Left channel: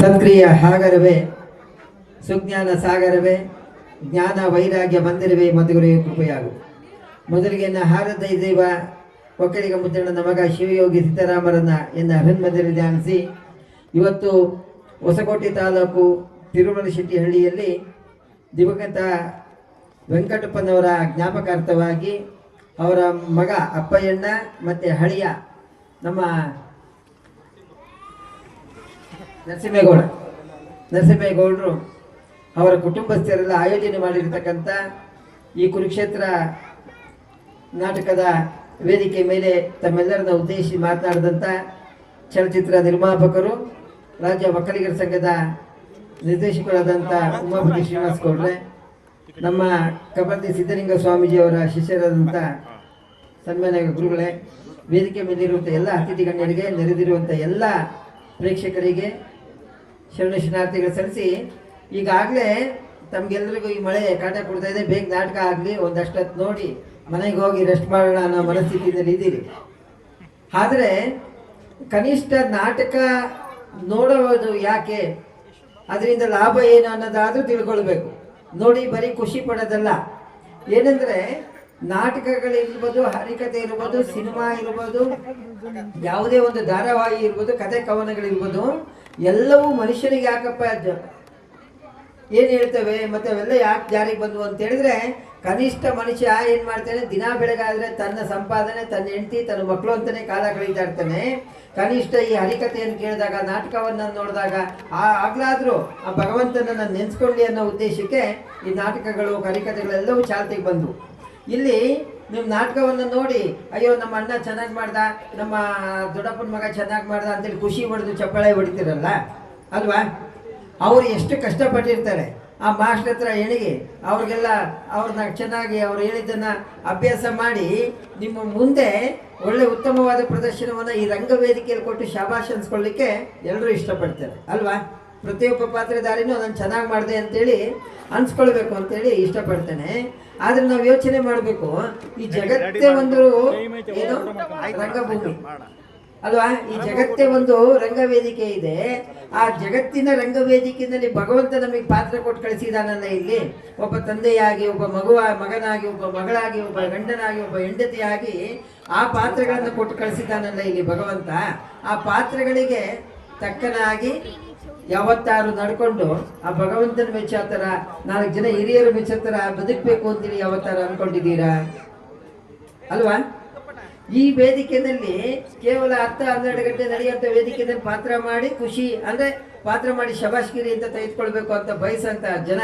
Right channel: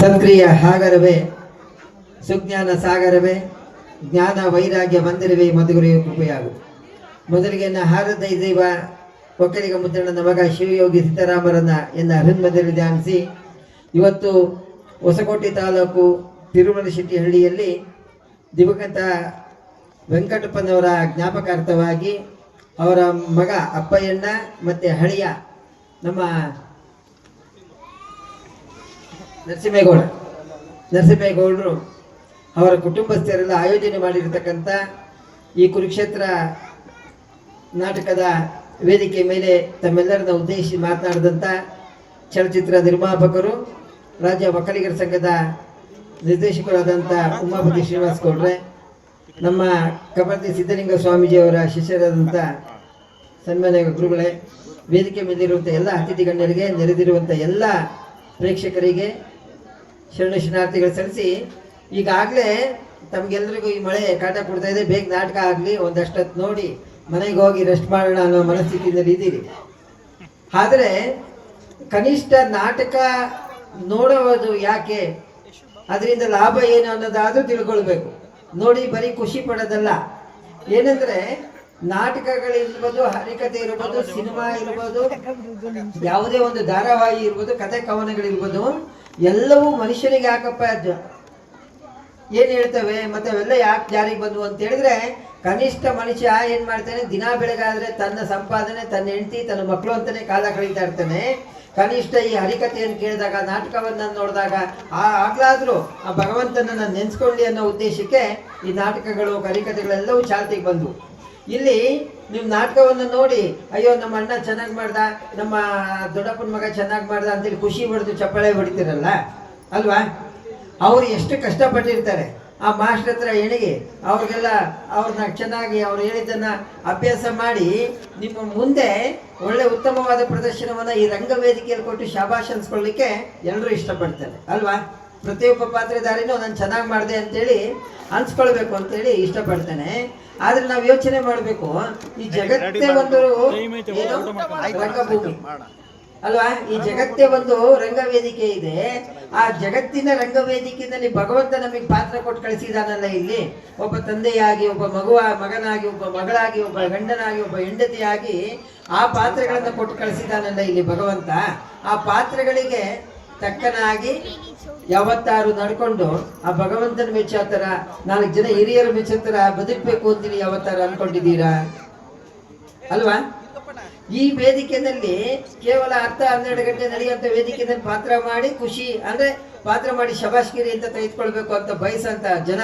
ಸಕ್ರಿಯ ಸಾಗರವೇ ಸುಜ್ಞಾನ ಸಾಗರವೇ ಜ್ಞಾನ ವೈರಾಗ್ಯ ಮಂದಿರವೇ ಮಧುಗುರಿಯು ಕೃಪೆಯಾಗು. ಮೊದಲಿಗೆ ಹಾರದ ದೈವ ಒಕ್ಕಲಿಗ ಮುದ್ದಣ್ಣನ ಮಗ ಶಿವಯೋಗಿ ಸಿದ್ದರಾಮರನ್ನ ಎನ್ನ ಹೃನ್ಮದಲ್ಲಿ ಧ್ಯಾನಿಸಿ ಇವತ್ತು ಹೊಸಕೋಟೆ ತಾಲೂಕು ತಿರುಮಲಶೆಟ್ಟಿಹಳ್ಳಿಯಲ್ಲಿ ದಿವಂಗತ ವೆಂಕಟಪ್ಪನವರ ಜ್ಞಾಪಕಾರ್ಥವಾಗಿ ಅವರ ಮಗ ಅಪ್ಪಯ್ಯಣ್ಣ ಮತ್ತು ಹಳಿಯ ನಮ್ಮ ನರಸಿಂಹೇಗೌಡರು ಅವರ ಕುಟುಂಬಸ್ಥರೆಲ್ಲ ಆಯೋಜನೆ ಮಾಡಿರ್ತಕ್ಕಂಥ ಈ ಕುರುಕ್ಷೇತ್ರ ನಾಟಕದ ವೇದಿಕೆ ಮೇಲೆ ತಮ್ಮೆಲ್ಲರನ್ನ ಉದ್ದೇಶಿಸಿ ಮಾತನಾಡಿದಂಥ ಚಲಚಿತ್ರ ನಿರ್ಮಾಪಕರು, ರಾಜ್ಯ ಒಕ್ಕಲಿಗರ ಸಂಘದ ನಿರ್ದೇಶಕರಾದಂಥ ಉಮಾಪತಿ ಶ್ರೀನಿವಾಸ ಗೌಡ್ರೆ, ನಮ್ಮ ಕಬರ್ದಿ ಸಿದ್ದಲಿಂಗ ಸ್ವಾಮೀಜಿಯವರ ಶಿಷ್ಯರಾದಂಥ ಸನ್ಮಾನ್ಯ ಗುರುಗಳೇ, ವೇದಿಕೆ ಮೇಲಿರುವಂಥ ಎಲ್ಲ ಅತಿಥಿ ಗಣ್ಯರಿಗೆ, ನೆರೆದಿರುವಂಥ ಎಲ್ಲ ಪ್ರೇಕ್ಷಕರಿಗೆ ಶರಣ ಶರಣಾರ್ಥಿಗಳು ಸಲ್ಲಿಸಿ, ಈಗಾಗಲೇ ತಮಗೆಲ್ಲರಿಗೂ ಈ ಮಳೆ ಕಾಟ ಕೊಡ್ತಾ ಇದೆ, ಬೇಗ ನಾಟಕ ಆಗಲಿ, ಒಂದಷ್ಟೊತ್ತು ನೋಡಿ ಮನೆಗೆ ಹೋಗಿ ರೆಸ್ಟ್ ಮಾಡೋಣ ಅನ್ನೋ ಮನಸ್ಥಿತಿಯಲ್ಲಿ ಇದ್ದೀರಿ. ಆದರೆ ಕನಿಷ್ಠ ನಾಟಕ ನೋಡೋದು ಯಾಕೆ, ಅದರಿಂದ ಲಾಭ ಏನು ಅನ್ನೋದಾದ್ರೂ ತಿಳ್ಕೊಳ್ಬೇಕು. ನೋಡಿ ಬರೀ ಖುಷಿ ಪಡೋದಲ್ಲ. ಏನಂದ್ರೆ ನಾಟಕಗಳಿರ್ಬೋದು, ಹರಿಕತೆ ಇರ್ಬೋದು, ಸಿನಿಮಾ ಇರ್ಬೋದು, ಯಾವುದೇ ಒಂದು ಧಾರಾವಾಹಿ ಇರ್ಬೋದು, ಕಥೆ ಕವನಗಳಿರ್ಬೋದು, ಎಲ್ಲವೂ ಮನುಷ್ಯನಿಗೆ ಯಾಕಪ್ಪ ಏನ್ ಹೇಳ್ತವೆ ಮತ್ತೆ ಅವೆಲ್ಲ ಯಾಕೆ ಜಾರಿಗೆ ಬಂದ್ವು ಅಂತ ಹೇಳಿದ್ರೆ, ಕನಿಷ್ಠ ಮನುಷ್ಯ ಏನ್ ಮಾಡ್ತಾನೆ, ದಿನ ಬೆಳಗಾದ್ರೆ ತನ್ನ ಸಂಪಾದನೆ, ತನ್ನ ಹೆಂಡತಿ, ತನ್ನ ಮಕ್ಕಳು ಅಂತಾನೆ ಕಾಲ ಕಳೀತಾ ಇರ್ತಾನೆ. ಕನಿಷ್ಠ ಈ ಹರಿಕತೆಯನ್ನು ಕೇಳಿದಾಗ, ನಾಟಕವನ್ನ ನೋಡಿದಾಗ ಆಗ್ಲಾದ್ರೂ ಆ ಭಗವಂತನನ್ನ ನೆನ್ಸ್ಕೊಳ್ಳಿ ಅನ್ನೋ ಉದ್ದೇಶಕ್ಕೆ ಈ ನಾಟಕಗಳು, ಹರಿಕತೆಗಳೆಲ್ಲವೂ ಚಾಲ್ತಿಗೆ ಬಂದ್ವು. ಇಲ್ಲಿ ನೀವು ನಾಟಕವನ್ನು ನೋಡಿ, ಅಯ್ಯೋ ನಮ್ಮ ಅಣ್ಣ ಚೆನ್ನಾಗಿ ಮಾಡ್ದ, ನಮ್ಮ ದೊಡ್ಡಪ್ಪನ ಮಗ ಚೆನ್ನಾಗಿ ಮಾಡ್ದ ಅಂತೇಳಿ ಖುಷಿ ಪಡೆದು ಚಪ್ಪಾಳೆ ಹೊಡಿತೀರಲ್ಲ ಅಲ್ವಾ? ಅವ್ರು ಎಷ್ಟು ಕಷ್ಟಪಟ್ಟಿರ್ತಾರೆ ಆ ಮಾಸ್ಟರ್ ಹತ್ರ ಎಣಿಗೆ, ಅವ್ರಿಗೆಲ್ಲ ಅವ್ರನ್ನ ಚೆನ್ನಾಗಿ ಅವ್ರು ಹೇಳಿದ್ದನ್ನ ಅಭ್ಯಾಸ ಮಾಡಿ ನಿಮ್ಮ ಮುಂದೆ ಒಳ್ಳೆ ಉತ್ತಮವಾದ ಪ್ರದರ್ಶನವನ್ನ ಈ ರಂಗವೇದಿಕೆಯಲ್ಲಿ ಕೊಟ್ಟು ಶಾಬಾಷ್ ಅನ್ಸ್ಕೊಳ್ಳಿಕ್ಕೆ ಎಲ್ಲರೂ ಇಷ್ಟಪಡ್ತಾರೆ ಅಲ್ವಾ? ಪ್ರತಿಯೊಬ್ಬ ಪಾತ್ರಧಾರಿನೂ ನಾನು ಚೆನ್ನಾಗಿ ಮಾಡಿದೆ ಅಂತೇಳಿ ಅನ್ಸ್ಕೊಳ್ಬೇಕು ಅಂತೇಳಿ ಇಷ್ಟಪಡ್ತಾನೆ. ಆದ್ರೆ ನಾವು ಯೋಚನೆ ಮಾಡಬೇಕು, ಈ ಜಗತ್ತೇ ಒಂದು ರಂಗಭೂಮಿ ಅಲ್ವಾ? ಈ ಜಗತ್ತೇ ಒಂದು ರಂಗವೇದಿಕೆ ಇದೆ. ಆ ಜಗತ್ತಿನ ರಂಗವೇದಿಕೆಯಲ್ಲಿ ಭಗವಂತ ನಮಗೆ ಪಾತ್ರ ಕೊಟ್ಟು ಕಳಿಸಿದಾನಲ್ಲ. ಇಲ್ಲಿ ಒಬ್ಬ ತಂದೆಯಾಗಿ, ಒಬ್ಬ ಮಗನಾಗಿ, ಒಬ್ಬ ಮಗಳಾಗಿ, ಒಬ್ಬ ಗಂಡನಾಗಿ, ಒಬ್ಬ ಹೆಂಡತಿಯಾಗಿ ಆ ಪಾತ್ರಗಳನ್ನು ಕೊಟ್ಟು ಕಳಿಸಿದಾನಲ್ಲ ಇಲ್ಲಿ ಭಗವಂತ. ಆ ಪಾತ್ರಗಳಿಗೆ ತಕ್ಕನಾಗಿ ಯಾವತ್ತಾರು ನಡ್ಕೊಂಡು ಆ ಭಗವಂತನ ಮೆಚ್ಚೋ ತರ, 4 ಜನ ಹಿರಿಯರು ಮೆಚ್ಚೋ ತರ ಬದುಕಬೇಕು ಅಂತೀವಿ ಯಾವತ್ತಾರು ಅನ್ಕೊಂಡಿದ್ದೀರಾ ಅಲ್ವಾ? ಈ ವೇದಿಕೆಯಲ್ಲಿ ಕೇವಲ 10-12 ಗಂಟೆ ನಡೆಯುವಂತ ವೇದಿಕೆಯಲ್ಲಿ ಪಾತ್ರ ಮಾಡಿ ಖುಷಿ ಅಂದ್ರೆ ಪಾತ್ರ ಮಾಡಿ ಶಬಾಷ್ಗಿರಿ ಅಂತ ತೆಗೆದುಕೊಳ್ಬೇಕು ಅಂತ ಬಯಸಂತ ಜನ,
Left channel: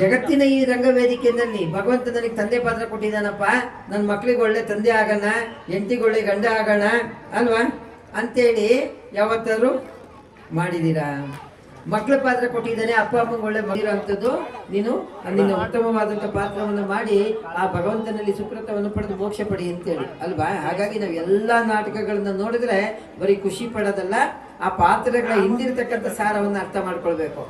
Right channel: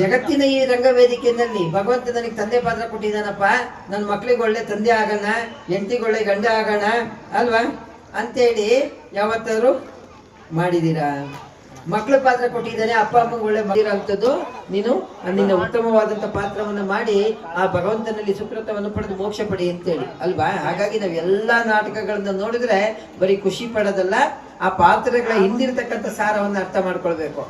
ಜಗತ್ತಿನ ಈ ರಂಗವೇದಿಕೆಯಲ್ಲಿ ಭಗವಂತ ನನಗೆ ತಂದೆ ಪಾತ್ರ ಕೊಟ್ಟಿದ್ದಾನಪ್ಪ, ನನ್ನ ಮಕ್ಳಿಗೆ ಒಳ್ಳೆ ತಂದೆ ಆಗೋಣ, ಹೆಂಡತಿಗೆ ಒಳ್ಳೆ ಗಂಡ ಆಗೋಣ ಅಲ್ವಾ ಅಂತೇಳಿ ಯಾವತ್ತಾರು ಮಾಡಿದ್ದೀರಾ? ಮಕ್ಕಳ ಪಾತ್ರ ಕೊಟ್ಟಿದ್ದಾನೆ, ಅಪ್ಪ ಅಮ್ಮಂಗೆ ಒಳ್ಳೆ ಮಾಡಿರೋಂಥದ್ದು, ನೀನು ನಿನ್ನ ಉತ್ತಮವಾದಂಥ ಪಾತ್ರವನ್ನು ಮಾಡಿ ಆ ಭಗವಂತನಲ್ಲಿ ಸುಕೃತವನ್ನು ಪಡೆದು ಮೋಕ್ಷ ಪಡಿ ಅಂತೇಳಿ ಅಲ್ವಾ? ಹಾಗಾಗಿ ನಾವು ಎಲ್ಲ ನಾಟಕಗಳನ್ನ ನೋಡಿದ್ರೆ ಬರೀ ಖುಷಿ ಪಡೋದಲ್ಲ, ಆ ಪಾತ್ರಗಳ ಹಿಂದಿರ್ತಕ್ಕಂಥ ಸಾರವನ್ನು ಅರ್ಥ ಮಾಡ್ಕೊಳ್ಬೇಕು.